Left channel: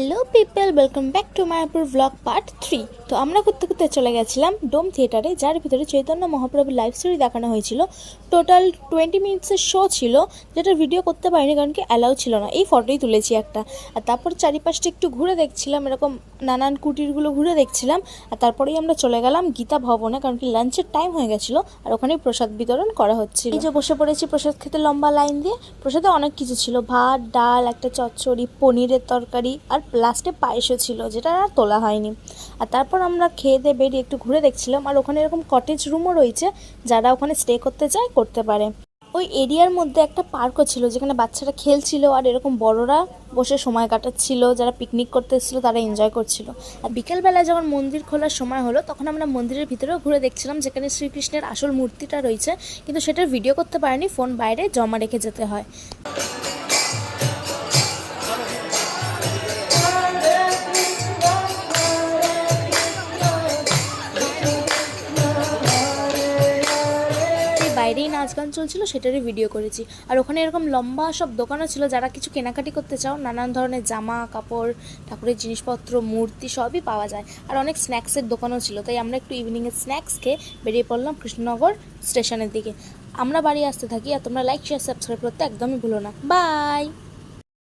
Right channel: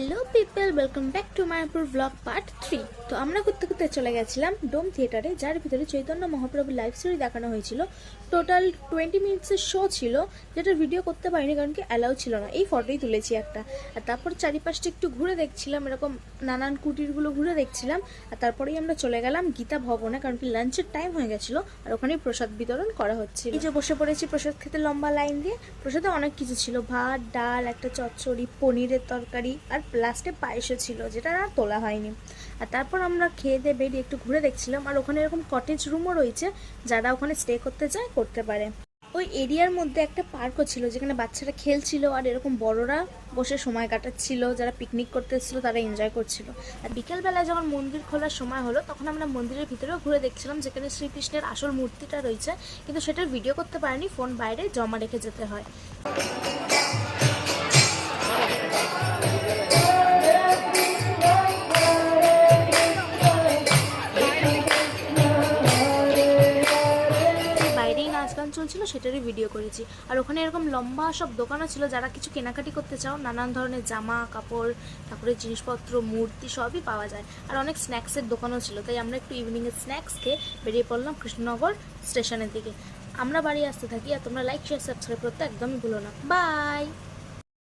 Hello people, welcome back to Mayapur blog part 3। তো আমরা করতে করতে চলে গেছিলাম ডোম থিয়েটারে, যার ভিতরে চৈতন্য মহাপ্রভুর লাইভ স্টোরি দেখানো হয়েছিল। টোটাল 20 মিনিটসের শো ছিল, যেটা ভিডিও করতে পারিনি কারণ কি অ্যালাউ ছিল না। এই ফটোই তুলেছি একটা। আর তারপর চারিপাশটা একটু ঘুরে দেখছিলাম, এরকম নানান কুটিরগুলো ঘুরে দেখছিলাম। আর তারপরেই আমরা চলে গেলাম গীতা ভবনে, কারণ কি লাঞ্চের টাইম হয়ে গেছিলো আর ওখানেই প্রসাদ বিতরণ করা হচ্ছিল। এই যে বসে পড়েছি প্রসাদ খেতে লম্বা লাইন দিয়ে। প্রসাদে অনেক কিছু ছিল, ভাত, ডাল, একটা চচ্চড়ি, পনিরের তরকারি আর লাস্টে পায়েসও ছিল, যেটা আর তোলা হয়নি। আর তারপর আমরা খেয়ে দিয়ে বেরিয়ে একটু ঘুরে দেখছিলাম। আর ওখানে এরকম কটেজ রুমও রয়েছে, যারা ওখানে স্টে করতে চায় করতে পারে। ওই এরিয়ার মধ্যে একটা পার্কও ছিল, যেখানে বাচ্চারা খেলছিল আর এরকম বড়রা বসে সময় কাটাচ্ছিল। যারা পিকনিক করতে এসেছিলো তারা এনজয় করছিল। আর বিকেলবেলায় যখন মন্দির খোলার সময় হলো, তখন আমরা মন্দিরের ভিতরেও ঘুরে দেখছিলাম, যেখানে শ্রীকৃষ্ণের আসল মূর্তিটা রয়েছে, কিন্তু সেটার ভিডিও করতে পারেনি, ফোন বাইরে জমা রেখে যেতে হয়। বাইরেই নাচ গান চলছিল, সেটারই ভিডিও করেছি। আর ওখানে এরকম লম্বা সব দোকানও ছিল, যারা কিছু কেনাকাটি করতে চাও, নানান ধরনের জামা কাপড়, ঠাকুরের জিনিসপত্র, মূর্তি সবই পাওয়া যায়। আর অনেক স্ন্যাক্সের দোকানও ছিল, তাই আমরা একটু ইভিনিংয়ের স্ন্যাক্স খেয়ে বেরিয়ে পড়লাম কৃষ্ণনগর স্টেশনের দিকে। আমরা বাড়ি আসতে থাকি। আর তোমরা লাইক শেয়ার সাবস্ক্রাইব করতে একদমই ভুলো না। বাই।